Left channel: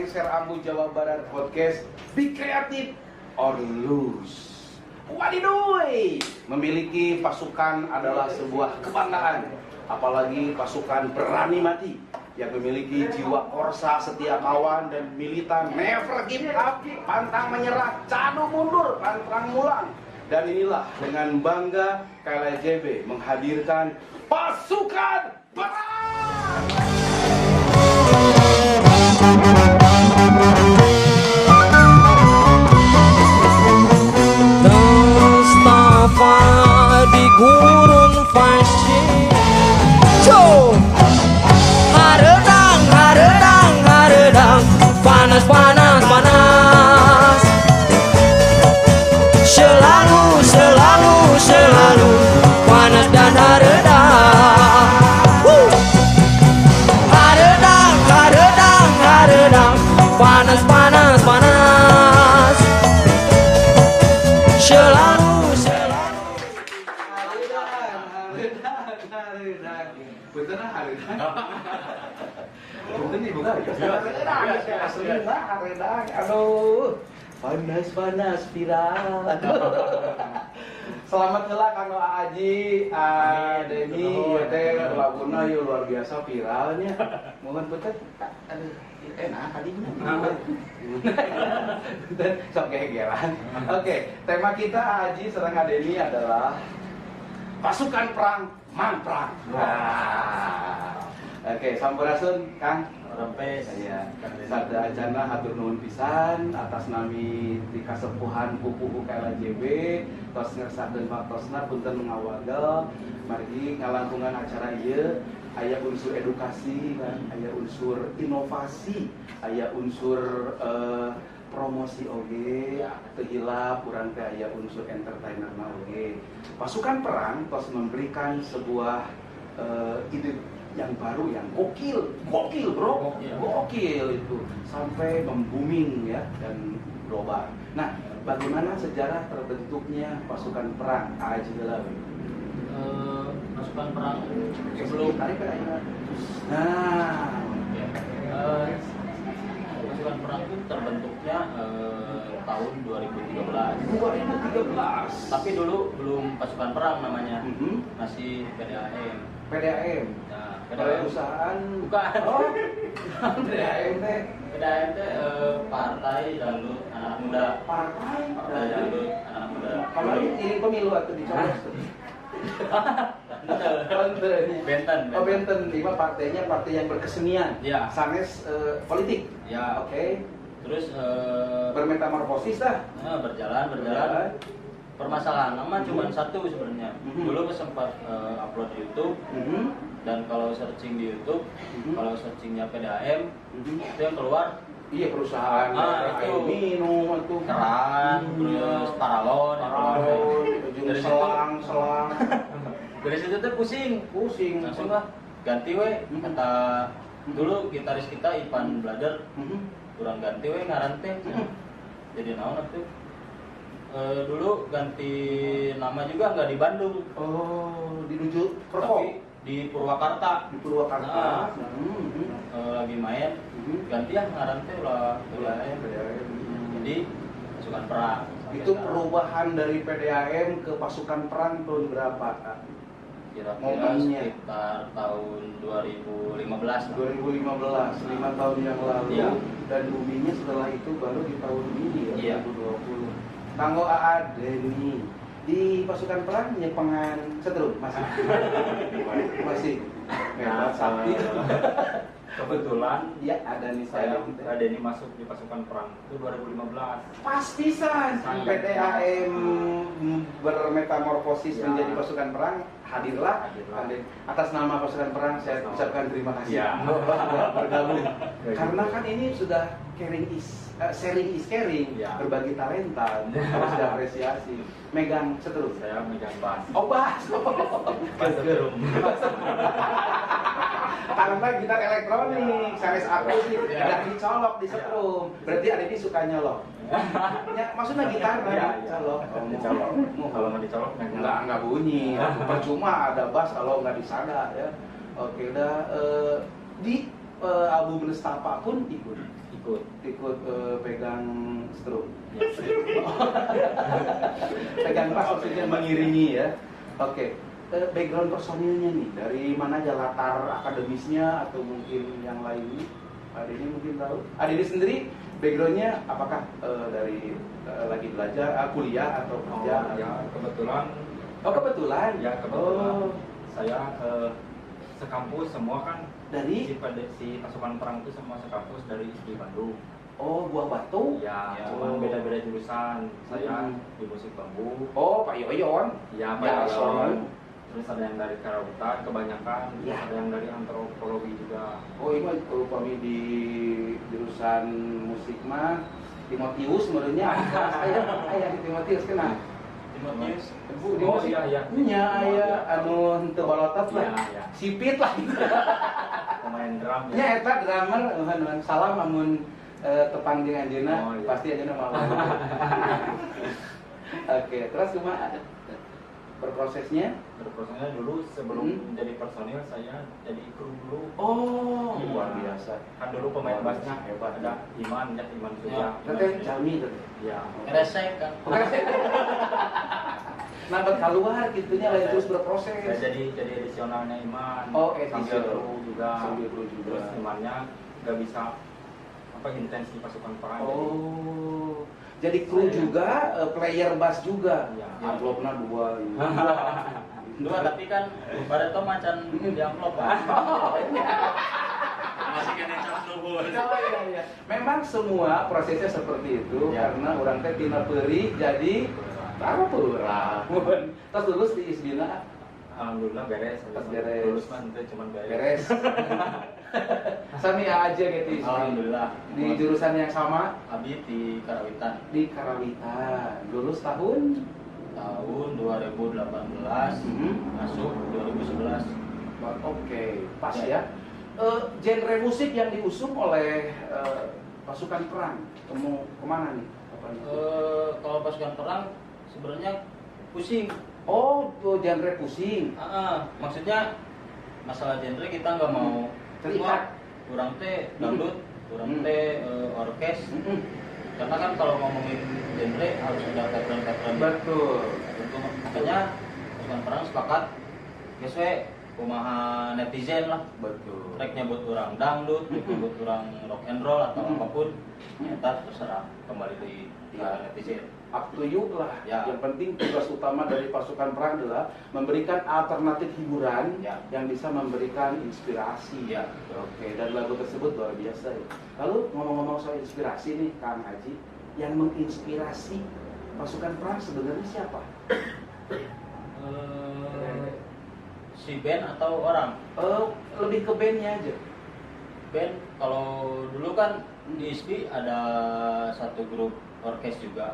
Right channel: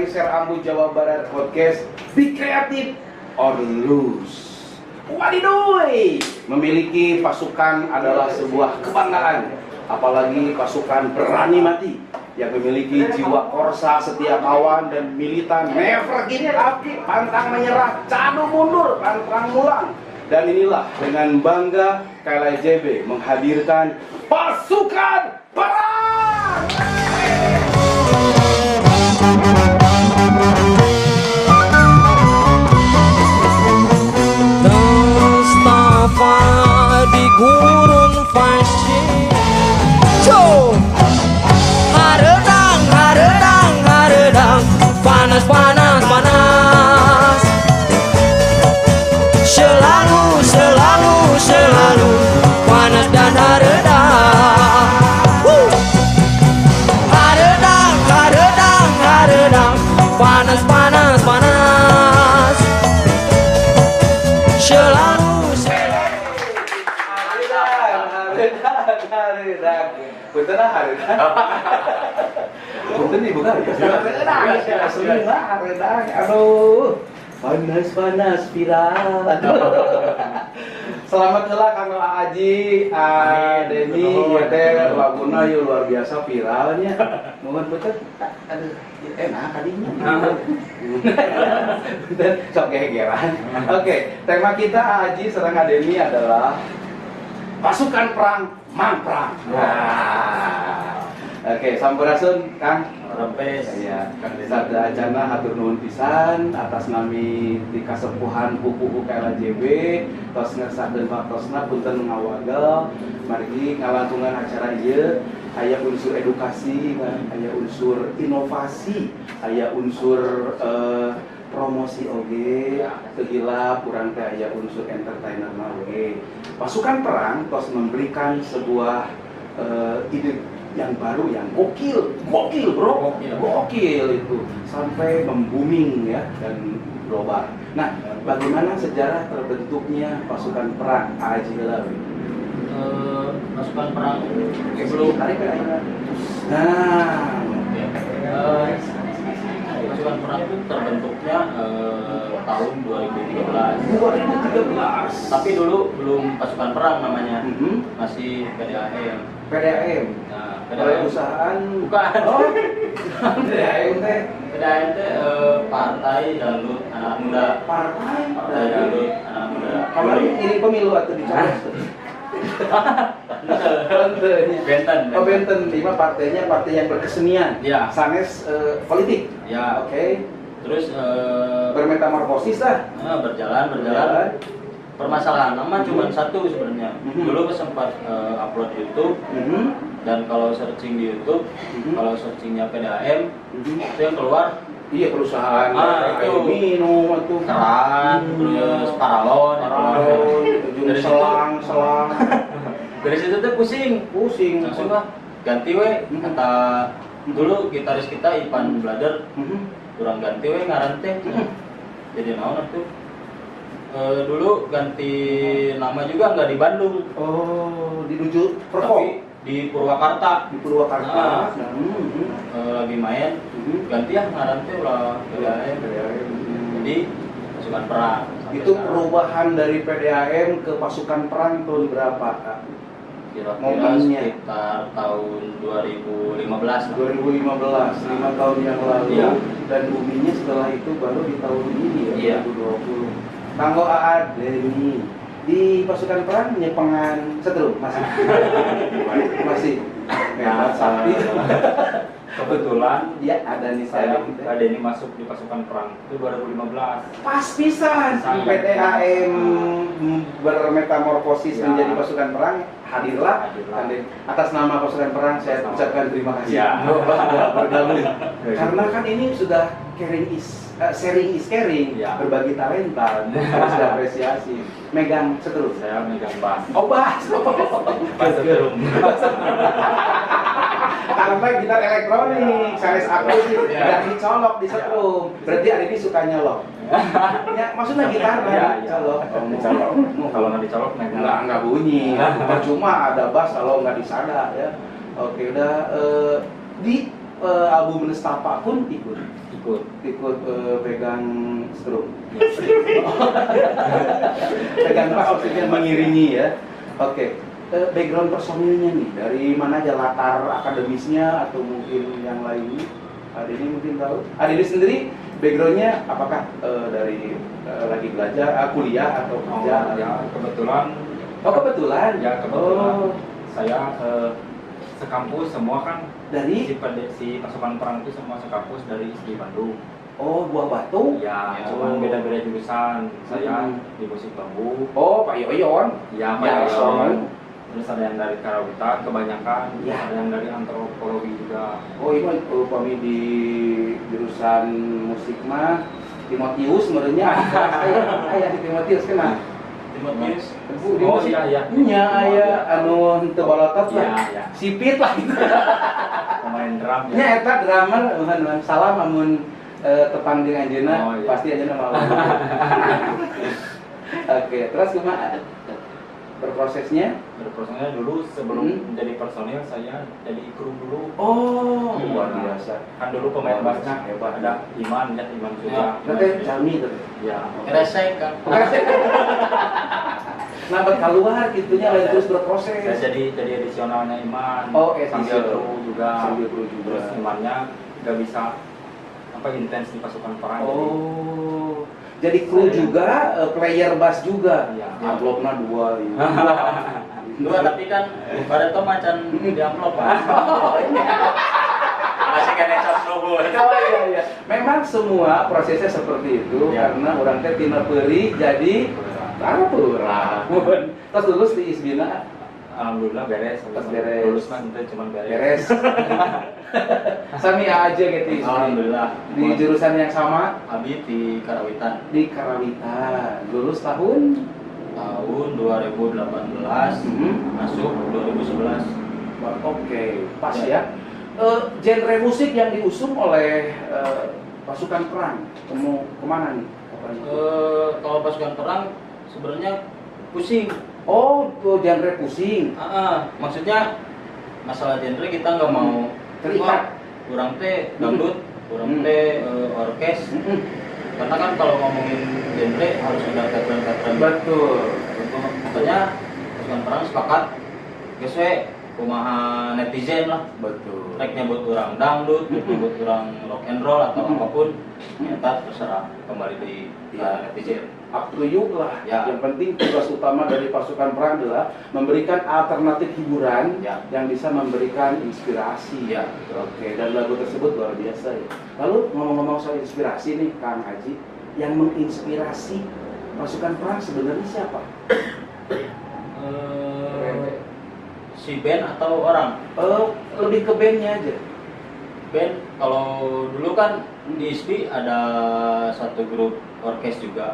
Lengser Ambu Jawa Barat Podcast. Be creative or lose. Wadidoy, memiliki pasukan adalah sebuah kebanggaan. Apalagi pasukan berani mati yang memiliki jiwa korsa, setia kawan dan militan, never give up, pantang menyerah, cadu mundur, pantang mulang. Dan inilah dengan bangga KLJB menghadirkan pasukan perang. Mustafa di gurun fasih. Haredang, haredang, haredang, panas, panas, panas. Selalu, selalu, selalu panas dan haredang. Haredang, haredang, haredang, panas, panas, panas. Selalu, selalu. Haredang. Betul haredang. Betul nih bukan? Haredang. Aduh. Panas-panas viral. Selamat kelak Kang Aji, Denny, ya teh laguna yeuh luar biasa viralnya. Mohon betul. Aduh, enak kadinya. Betul, sok gegeran. Oke, tema kita Aji serang Denny adalah pasukan perang Mamprang. Oke, sampurasun Kang. Sampai saya sabda acana hatur nuhun pisan atas nami di kasepuhan pupuh KLJB tos ngersakeun paktosna punten ngawagel margi ngalantungan acara ieu aya unsur edukasi, aya unsur inovasi, aya unsur promosi oge, teu hilap urang teh aya unsur entertainer we. Pasukan perang tos memberikan sebuah ide yang baru, yang gokil bro, gokil itu sampai membooming ya dan global. Nah, bagaimana sejarah terbentuknya pasukan perang Aji Helawi? pasukan perang sebelum pasukan perang itu terbentuknya tahun 2013. Tapi dulu belum pasukan perang namanya, masih PDAM. PDAM. Nah, perusahaan bukan. Oh, PDAM teh. PDAM teh Partai Dangdut Anak Muda. Partai Dangdut Anak Muda. Kamu ini pemilu atau dicoblos? Benten. Oh Benten, lima partainya partai yang berkesenian. Ya. Sanes politik. Ya. Oke. Terus Bermetamorfosis lah. berjalan. Permasalahan nama cuma satu sebenarnya. Dulu sempat upload di YouTube. Dan kalau searching di YouTube, kalau searchingnya PDAM, itu yang keluar Iya perusahaan. itu minum atau keran, terus paralon, dari selang. Dari situ tuh pusing. Langsung lah ganti we, kata dulu gitaris kita Ipan Blader, kurang ganti we ngaran teh. Jadi naon tuh? Dulu ganti nama juga nggak di Bandung. Oh, di Duju Tapi di Purwakarta. Di Purwakarta. Lagi main, ganti ya ngaran teh ulah PDAM. Jadi pasukan perang. Itu perubahan dari PDAM ke pasukan perang tahun berapa, Kak? Kira-kira Momennya. sekitar tahun 2015. 2015, 5 tahun yang lalu. Iya. Dan boomingnya setelah itu baru di tahun ini ya, Iya. 2020. Kanggo Aad Denny di pasukan perang penyepengan setrum masih hebat sakti. Kebetulan Ya ada nih saya saya Denny masuk di pasukan perang itu 2015. pas pisan PDAM bermetamorfosis Ya. menjadi pasukan perang hadirlah. Atas nama pasukan perang saya ucapkan terima kasih Ya. bergabung karena kan ini sudah sharing is caring, Ya. berbagi talenta harus diapresiasi. Megang setrum Saya megang bass. oh bass Bass setrum. karena gitar elektronik sanes aku sih Ya. tidak dicolok di setrum berarti Arifi suka nyolok ya maksudnya gitar kan Ya, colok Dicolok. Kalau nggak dicolok megang. nggak bunyi percuma ada bass kalau nggak disada ya. Oke udah di album Nestapa pun ikut pegang strum. Ya. Pegang bass maksudnya mengiringi ya. Oke. Background personilnya nih, dari mana aja latar akademisnya atau mungkin yang lainnya? Adeni mungkin tahu. Adeni sendiri backgroundnya apakah dari lagi belajar, kuliah atau kerja? Ya kebetulan. Oh kebetulan. Ya kebetulan. Oh. Saya sekampus semua kan Dari? si pasukan perang itu semua sekampus dari ISGI Bandung. Oh Buah Batu. Ya, Ya. cuman beda-beda jurusan. Saya di musik bambu. Oh Pak Yoyon. Ya, Pak Ya, Yoyon. Son. Terus ada yang dari karawitan kebanyakan. Ya. Ada yang dari antropologi juga. Oh iya kami di jurusan musik mah Timotius sebenarnya. Ayah di Timotius kena. Timotius. Di Oh, musik. iya, iya. Nya aya anu teu balotot Iya, lah. iya. Sipit lah gitu. Pemain drum Nya eta drummer salam amun tepang jeung anjeunna Oh, iya. pasti anjeunna malah. Oke, terus kumaha berprosesnya? Berprosesnya dulu sebelum Hmm. menjadi personil saya jadi kru dulu. Oh, luar biasa. Kan dulu pemain bassnya Hebat. ada Iman juga. Berarti Calmi tuh. Ya. Kresek kan. Nah, keluar gitunya lain terus Saya berproses. jadi edisionalnya Iman. Oh, sambil edisional. kru juga. Sambil kru juga. Terus Imannya nggak bisa intens di pasukan perang. Oh. Jadi kru Saya- juga, player bass juga. Iya. Amplopna 2 ini. Dua tapi kan pada tuh macan di amplop kan. Oh, iya. Masih kena cap nuhun. Oh iya iya. Memang semua prosesnya seperti itu Ya. karena orang teh tina peuri jadi tarapura. Terus lulus di Isbina Alhamdulillah beres. Pas beres. Lulus mah ente cuman beres. beres. Sami aja gitu Isbi. Alhamdulillah. Di jurusan yang sama Abi di Karawitan di Karawitan. Lulus tahun tahun 2018 masuk 2011. Oke, pas ya. Genre musik yang diusung oleh pasukan perang kemana nih? Kalau pasukan perang sebenarnya pusing. Oh, tuh genre pusing. Maksudnya masalah genre kita nggak mau Terikat. kurang teh dangdut, kurang teh orkes. Karena kan kalau ngomongin genre harus ada veteran-veteran. Betul. Makanya pasukan perang sepakat geus we kumaha netizen lah. Betul. Rek nyebut orang dangdut, nyebut orang rock and roll atau apapun, ternyata terserah kembali di netizen. Up to you lah. Ya. Yang penting tugas utama dari pasukan perang adalah memberikan alternatif hiburan Ya. yang bisa memberikan inspirasi. Ya. Oke, dan lagu tersebut luar biasa ya. Lalu ngomong-ngomong soal inspirasi nih, Kang Haji, yang menginspirasi pasukan perang sebenarnya siapa? Si band atau orang? Lebih ke bandnya aja. Band kalau dulu kan di ISPI ada satu grup orkes juga,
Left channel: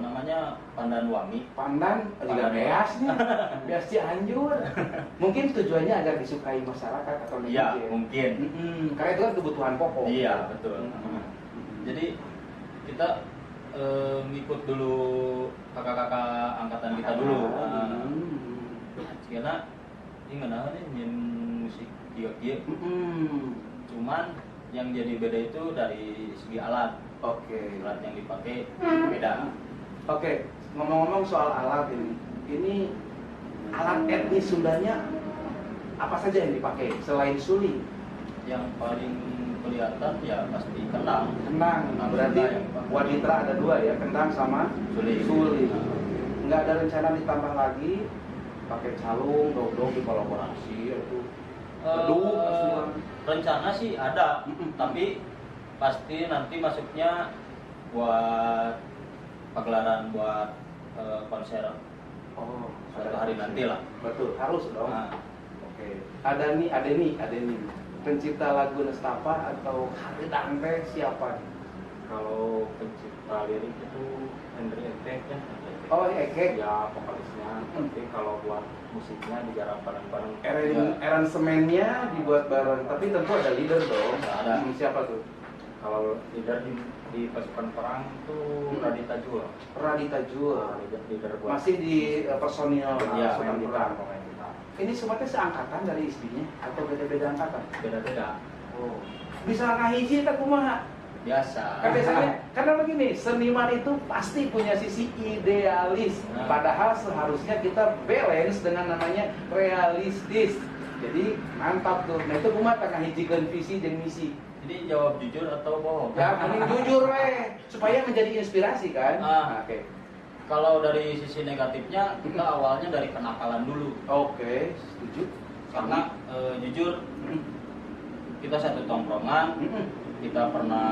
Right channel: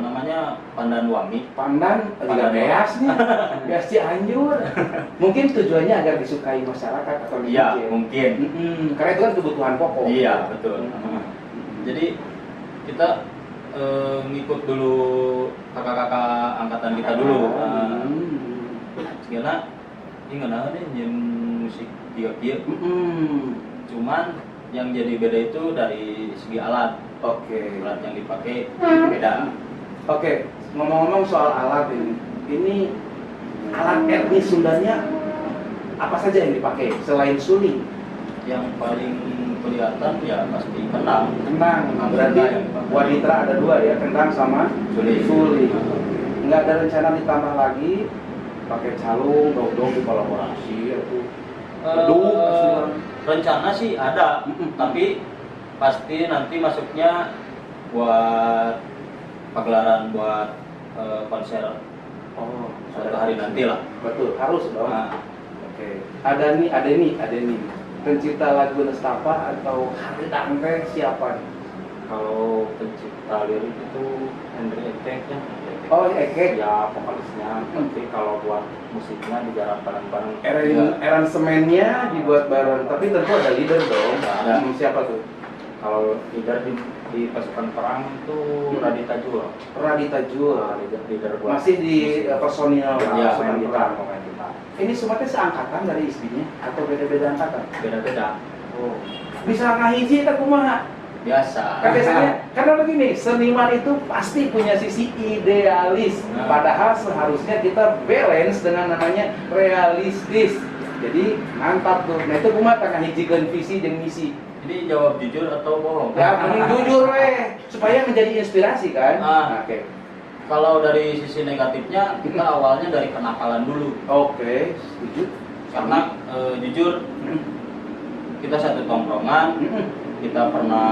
namanya Pandan Wangi. Pandan juga Pandan. beas nih, beas Cianjur. Mungkin tujuannya agar disukai masyarakat atau Iya, netizen. mungkin. Karena itu kan kebutuhan pokok. Iya, betul. Jadi kita ngikut dulu kakak-kakak angkatan kita dulu. Segala ini ngenahan nih nyen musik kia-kia. Cuman yang jadi beda itu dari segi alat. Oke. Alat yang dipakai beda. Oke, ngomong-ngomong soal alat ini alat etnis Sundanya apa saja yang dipakai selain suling? Yang paling kelihatan ya pasti kendang. Kendang. Berarti yang dipakai. wanita ada 2 ya, kendang sama Suling. suling. Nggak ada rencana ditambah lagi pakai calung, dong-dong dikolaborasi atau beduk, asuhan. Rencana sih ada, tapi pasti nanti masuknya buat pagelaran buat konser Oh, suatu hari nanti lah. Betul, harus dong. Nah, Oke. Ada nih. Pencipta lagu Nestapa atau Haridang teh siapa nih? Kalau pencipta lirik itu Henry Etek ya. Oh, Eke. Ya vokalisnya. Tapi kalau buat musiknya digarap bareng-bareng. Aransemennya dibuat bareng, tapi tentu ada leader dong. Ada. Siapa tuh? Kalau leader di pasukan perang itu Radita Jul. Radita Jul. Leader buat Masih di personil Ya, pasukan pemain perang. gitar. Ini semuanya seangkatan dari istrinya atau beda-beda angkatan? Beda-beda. Oh. Bisa ngahiji tak kumaha? Biasa. Kan biasanya, karena begini, seniman itu pasti punya sisi idealis. Padahal seharusnya kita balance dengan namanya realistis. Jadi mantap tuh. Nah itu kumaha tak ngahijikeun visi jeung misi. Jadi jawab jujur atau bohong? Ya mending jujur weh, supaya menjadi inspirasi kan. Nah, oke. Kalau dari sisi negatifnya, kita awalnya dari kenakalan dulu. Oke, setuju. Karena jujur, kita satu tongkrongan, kita pernah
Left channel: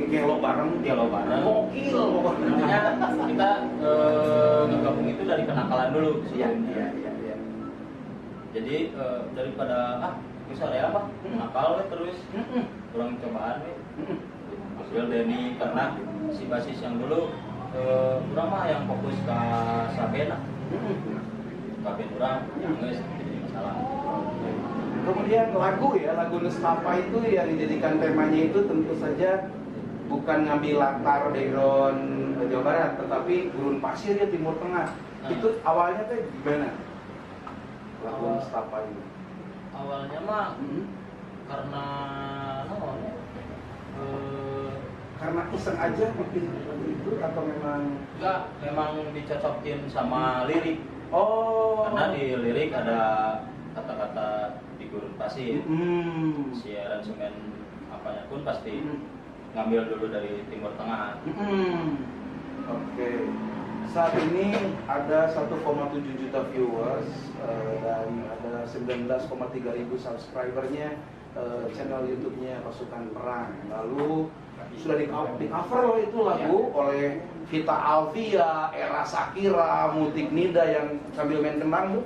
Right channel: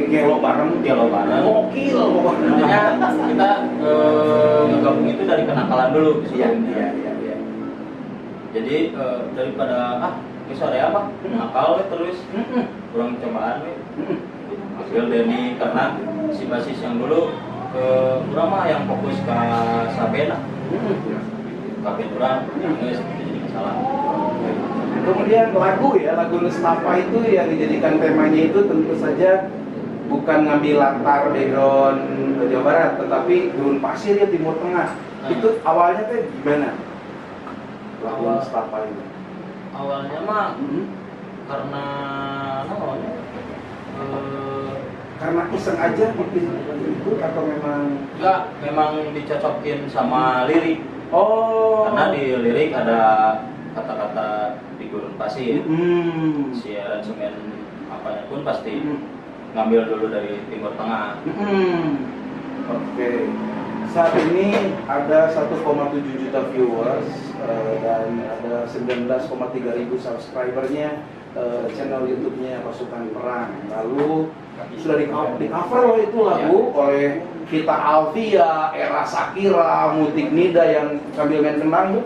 Gelo bareng. Gokil pokoknya. Intinya kita ngegabung itu dari kenakalan dulu Iya. sebelumnya. Jadi daripada sore apa nakal we terus kurang cobaan we hasil Denny karena si basis yang dulu kurang mah yang fokus ke Sabena kabin orang geus jadi masalah. Kemudian lagu Nestapa itu yang dijadikan temanya itu tentu saja bukan ngambil latar background Jawa Barat, tetapi gurun pasir ya Timur Tengah. Itu awalnya teh gimana? Lagu Nestapa itu. Awalnya mah karena namanya karena iseng aja bikin itu atau memang dicocokin sama lirik. Oh. Karena di lirik ada kata-kata di gurun pasir. Si aransemen apanya pun pasti ngambil dulu dari Timur Tengah. Oke. Saat ini ada 1,7 juta viewers dan ada 19,3 ribu subscribernya channel YouTube-nya Pasukan Perang. Lalu sudah di cover loh itu lagu oleh Vita Alvia, Era Sakira, Mutik Nida yang sambil main kendang.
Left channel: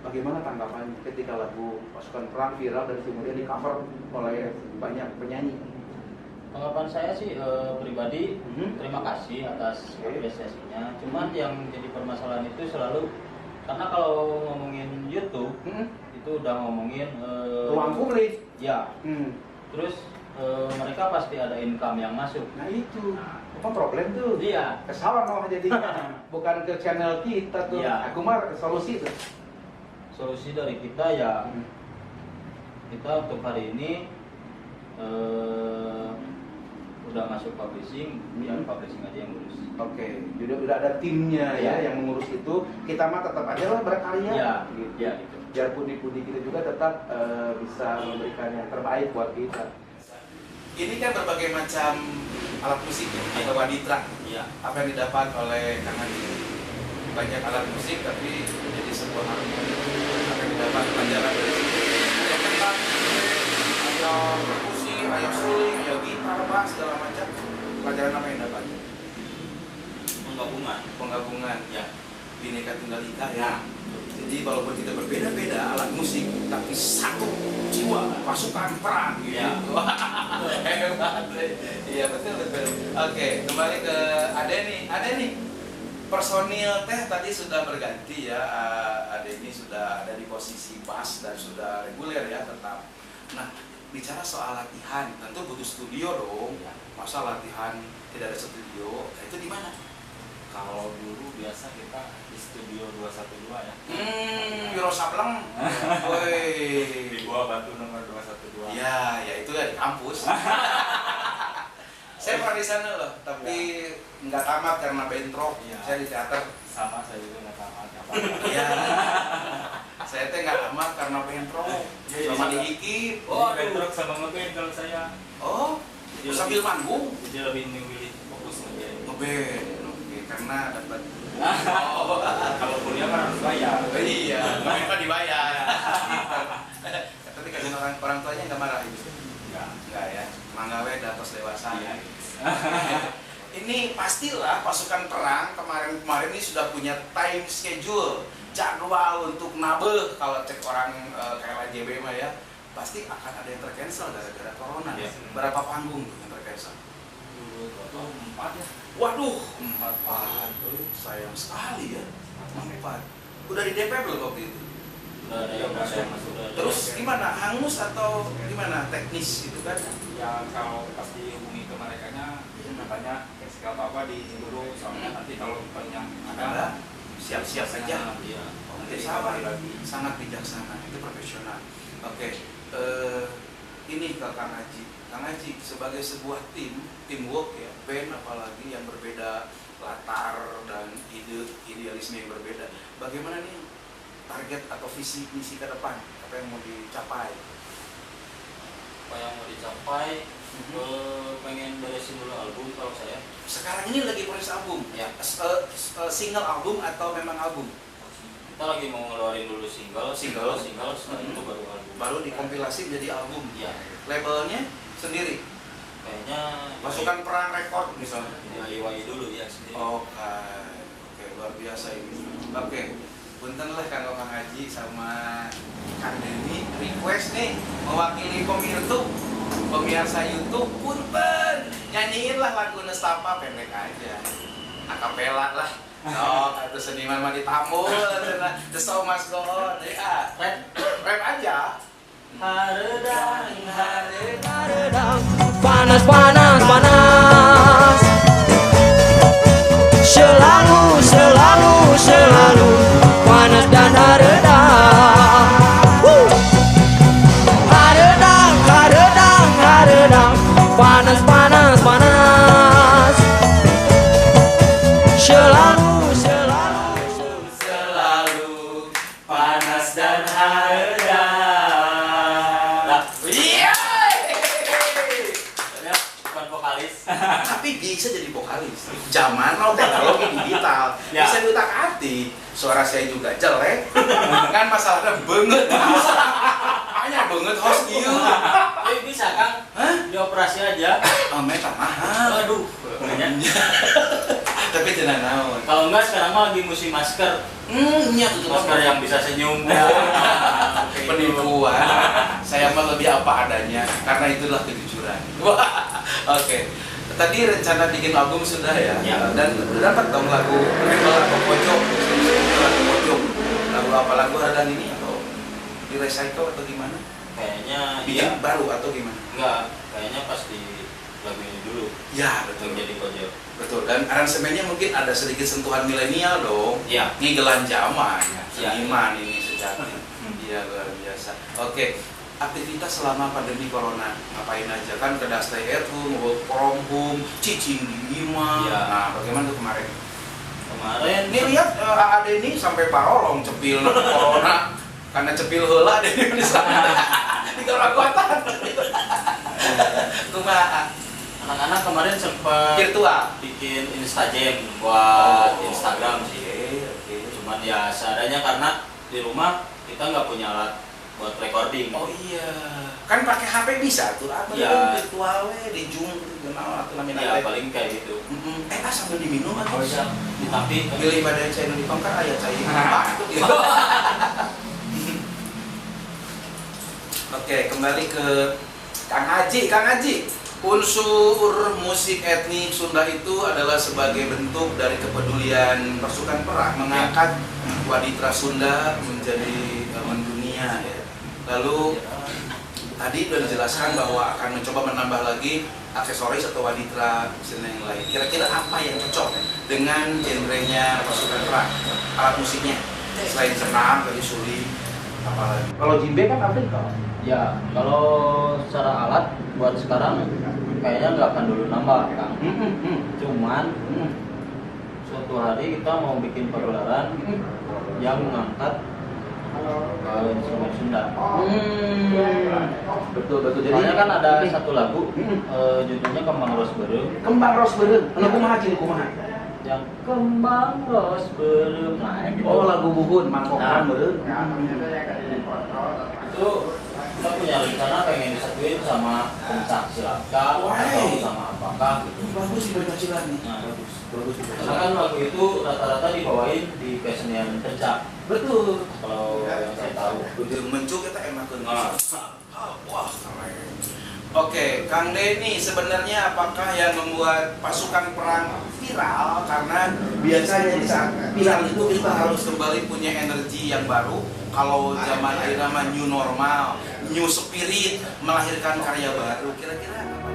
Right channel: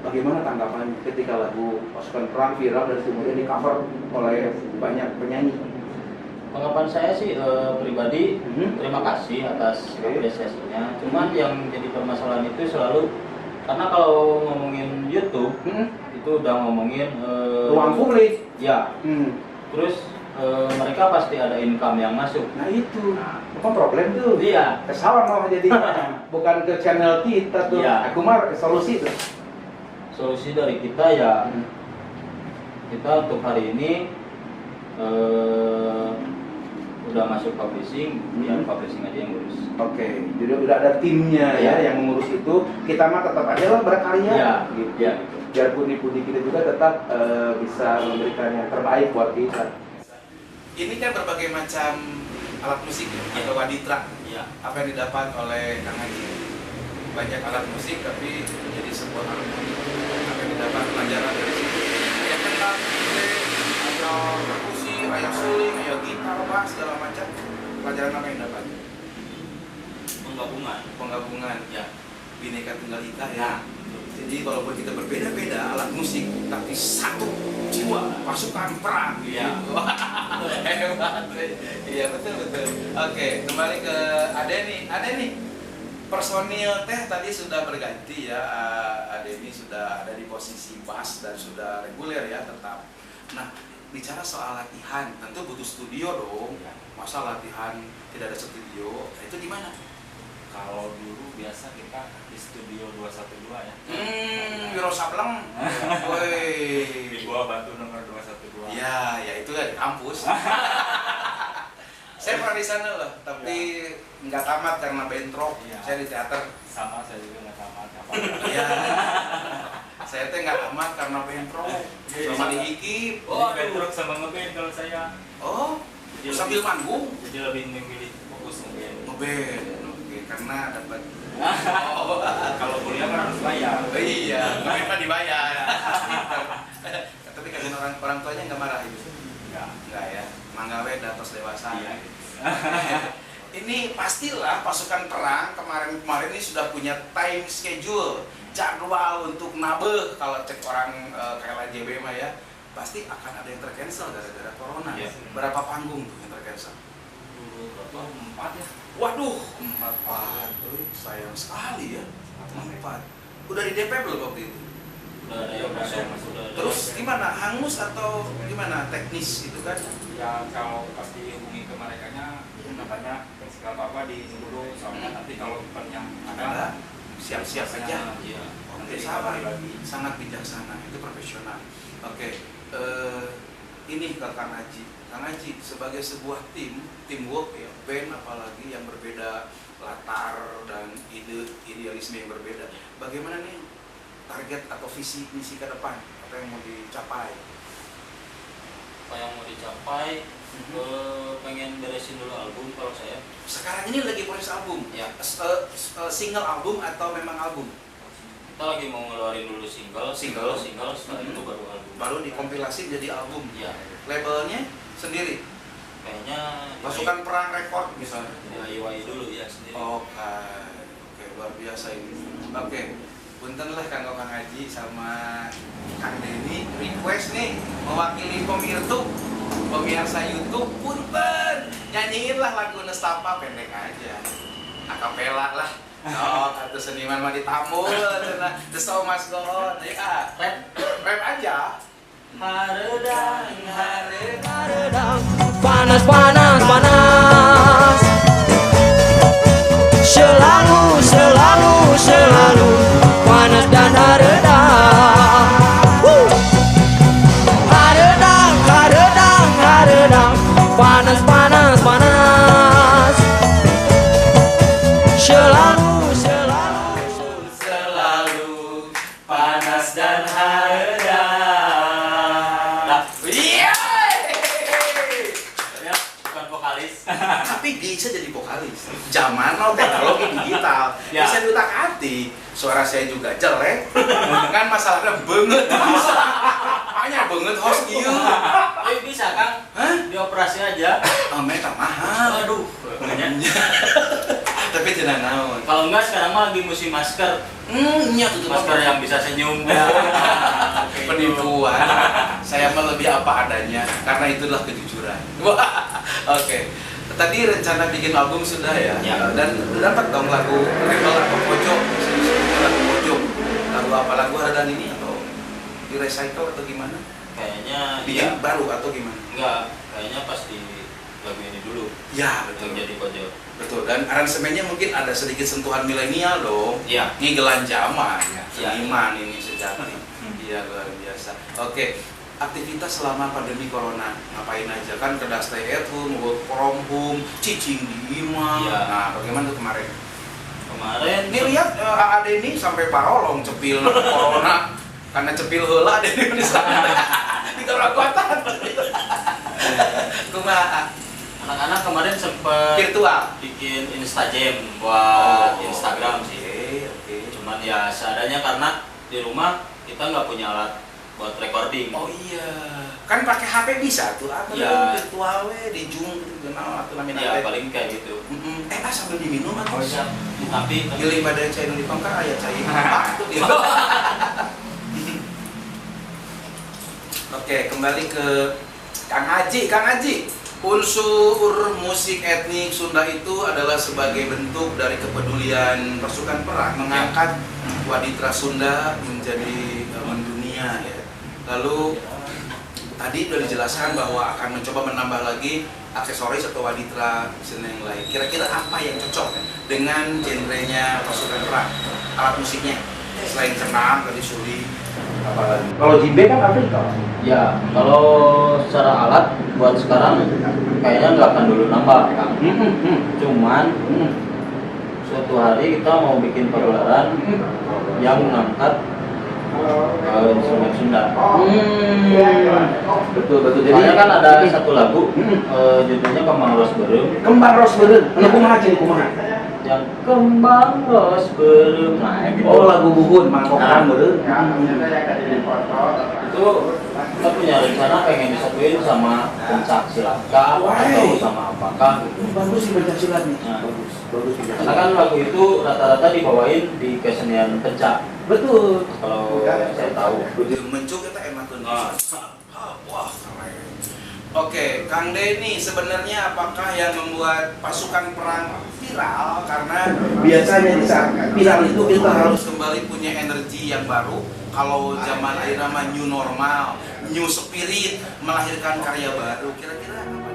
Bagaimana tanggapan ketika lagu Pasukan Perang viral dan kemudian di cover oleh banyak penyanyi? Tanggapan saya sih pribadi terima kasih atas apresiasinya. Cuman yang jadi permasalahan itu selalu karena kalau ngomongin YouTube itu udah ngomongin ruang publik. Ya. Terus mereka pasti ada income yang masuk. Nah itu, bukan problem tuh. Iya. Kesalahan malah jadi bukan ke channel kita tuh. Iya. Aku mah solusi tuh. Solusi dari kita ya kita untuk hari ini udah masuk publishing, biar publishing aja yang ngurus. Oke, jadi udah ada timnya ya yang mengurus itu. Kita mah tetap aja lah berkarya. Iya. Gitu. Iya. Biar pundi-pundi kita juga tetap bisa memberikan yang terbaik buat kita. Ini kan berbagai macam alat musik atau waditra. Iya. Apa yang didapat oleh Kang Haji? Banyak alat musik tapi menjadi sebuah harmoni. Apa yang didapat pelajaran dari situ? Ada kenal, ada perkusi, ada suling, ada gitar, bass, segala macam. Pelajaran apa yang dapat? Penggabungan. Ya. Bineka Tunggal Ika ya. Jadi walaupun kita berbeda-beda alat musik, tapi satu jiwa pasukan perang. Iya. Hebat. Iya betul. Oke, kembali ke Ade nih. Personil teh tadi sudah berganti ya. Ade ini sudah ada di posisi bass dan sudah reguler ya tetap. Nah, bicara soal latihan, tentu butuh studio dong. Masa latihan tidak ada studio? Nah, itu di mana? Kalau dulu biasa kita di studio 212 ya. Wiro Sableng. Woi. Di Gua Batu nomor 212. Ya itu ya di kampus. Saya pernah di sana loh, tapi nggak tamat karena bentrok. Iya. Saya di teater. Sama saya juga nggak tamat apa. Iya. Saya teh nggak tamat karena bentrok. Sama di Hikip. Oh, bentrok sama ngeband kalau saya. Oh, Jadi sambil manggung. Jadi lebih memilih fokus ngeband. Ngeband. Oke, karena dapat. Kalau kuliah kan harus bayar. Iya, ngeband mah dibayar. Tapi kasihan orang tuanya nggak marah itu. Enggak ya, manggawe datos dewasa. Iya. Ini pastilah pasukan perang kemarin ini sudah punya time schedule, jadwal untuk nabeh. Kalau cek orang kayak JB mah ya, pasti akan ada yang tercancel gara-gara corona. Iya. Berapa panggung tuh yang tercancel? Total 4 ya. Waduh, 4. Sayang sekali ya. 4. Udah di DP belum waktu itu? Udah ada yang masuk. Terus gimana? Hangus atau gimana? Teknis gitu kan? Ya kalau pas dihubungi ke merekanya, katanya nggak apa-apa dulu, soalnya nanti kalau eventnya Ada siap-siap aja. Iya. Oke, sabar lagi. Sangat bijaksana, itu profesional. Oke, ini ke Kang Haji. Kang Haji sebagai sebuah teamwork ya, band apalagi yang berbeda latar dan idealisme yang berbeda. Bagaimana nih target atau visi misi ke depan? Apa yang mau dicapai? Apa yang mau dicapai? Pengen beresin dulu album kalau saya. Sekarang ini lagi proses album. Ya. Single album atau memang album? Kita lagi mau ngeluarin dulu single, setelah itu baru album. Baru dikompilasi jadi album. Iya. Labelnya sendiri. Kayaknya Pasukan Perang Record misalnya. DIY dulu ya sendiri. Oke, luar biasa ini. Oke, punten lah Kang Haji sama Kang Denny request nih mewakili pemirsa YouTube punten nyanyiin lah lagu Nestapa pendek aja, akapela lah. Atau seniman mah ditambul, the show must go on. Ya, rap aja. Haredang, Haredang, panas, panas, panas. Selalu, selalu, selalu panas dan haredang. Haredang, haredang, haredang, panas, panas, panas. Selalu, selalu panas dan haredang. Bukan vokalis. Tapi bisa jadi vokalis. Zaman now teknologi digital Ya. bisa diutak-atik. Suara saya juga jelek. Kan masalahnya banget. Hanya banget host ieu. Bisa Kang? Hah? Dioperasi aja. Meta mahal. Aduh. Tapi tidak naon. Kalau enggak sekarang mah lagi musim masker. Iya tutup Masker yang bisa senyum. Penipuan. Saya mah lebih apa adanya karena itulah kejujuran. Oke. Tadi rencana bikin album sudah ya. Ya. Dan dapat dong lagu rebel atau pojok. Lagu pojok. Lagu apa? Lagu Haredang ini atau di recycle atau gimana? Kayaknya Bikin baru atau gimana? enggak, kayaknya pas di lagu ini dulu. Ya betul. Yang jadi pojok. Betul. Dan aransemennya mungkin ada sedikit sentuhan milenial dong. Iya. Ngigelan zaman ya. Ya. Seniman ini sejati. Iya luar biasa. Oke. Aktivitas selama pandemi corona ngapain aja kan? Kedah stay at home, work from home, cicing di imah. Iya. Nah, bagaimana tuh kemarin? Kemarin Ini lihat Ade ini sampai parolong cepil corona karena cepil heula Ade di sana. Di kota. Kumaha? anak-anak kemarin sempat Virtual. bikin Instagram buat Oh. Instagram sih. Oke. Cuman ya seadanya karena di rumah kita nggak punya alat buat recording. Oh iya, kan pakai HP bisa tuh, apa Iya. virtual we di Zoom gitu kenal atau namanya Ya paling kayak gitu. sambil diminum atau Bisa. Tapi pilih badai cai nu dipang kan aya cai itu dia. Oke, kembali ke Kang Haji. Kang Haji, unsur musik etnik Sunda itu adalah sebagai bentuk dari kepedulian pasukan perang mengangkat waditra Sunda menjadi mendunia ya. Lalu tadi sudah dijelaskan bahwa akan mencoba menambah lagi aksesoris atau waditra dan yang lain. Kira-kira apa yang cocok dengan genrenya pasukan perang? Alat musiknya selain senam, tadi suli, apalagi? Kalau jimbe kan Afrika. ya kalau secara alat buat sekarang kayaknya nggak akan dulu nambah Kang. Cuman suatu hari kita mau bikin pagelaran yang mengangkat instrumen Sunda. Betul. Soalnya kan ada satu lagu judulnya Kembang Ros Beureum. Kembang ros beureum. Anu kumaha jeung kumaha? Yang Kembang Ros Beureum. Nah, gitu. Oh, lagu buhun mangkokan beureum. Itu kita punya rencana pengen disatuin sama pencak silakan atau sama apakah gitu. Bagus nih Pancasila nih. Nah, Bagus. karena kan lagu itu rata-rata dibawain di kesenian pencak. Betul. Kalau yang saya tahu. Udah mencuk kita emakeun. Nah. Wah, keren. Oke, Kang Denny, sebenarnya apakah yang membuat pasukan perang viral? Karena biasanya di saat viral itu kita harus kembali punya energi yang baru. Kalau zaman akhirnya mah new normal, new spirit, melahirkan karya baru. Kira-kira apa?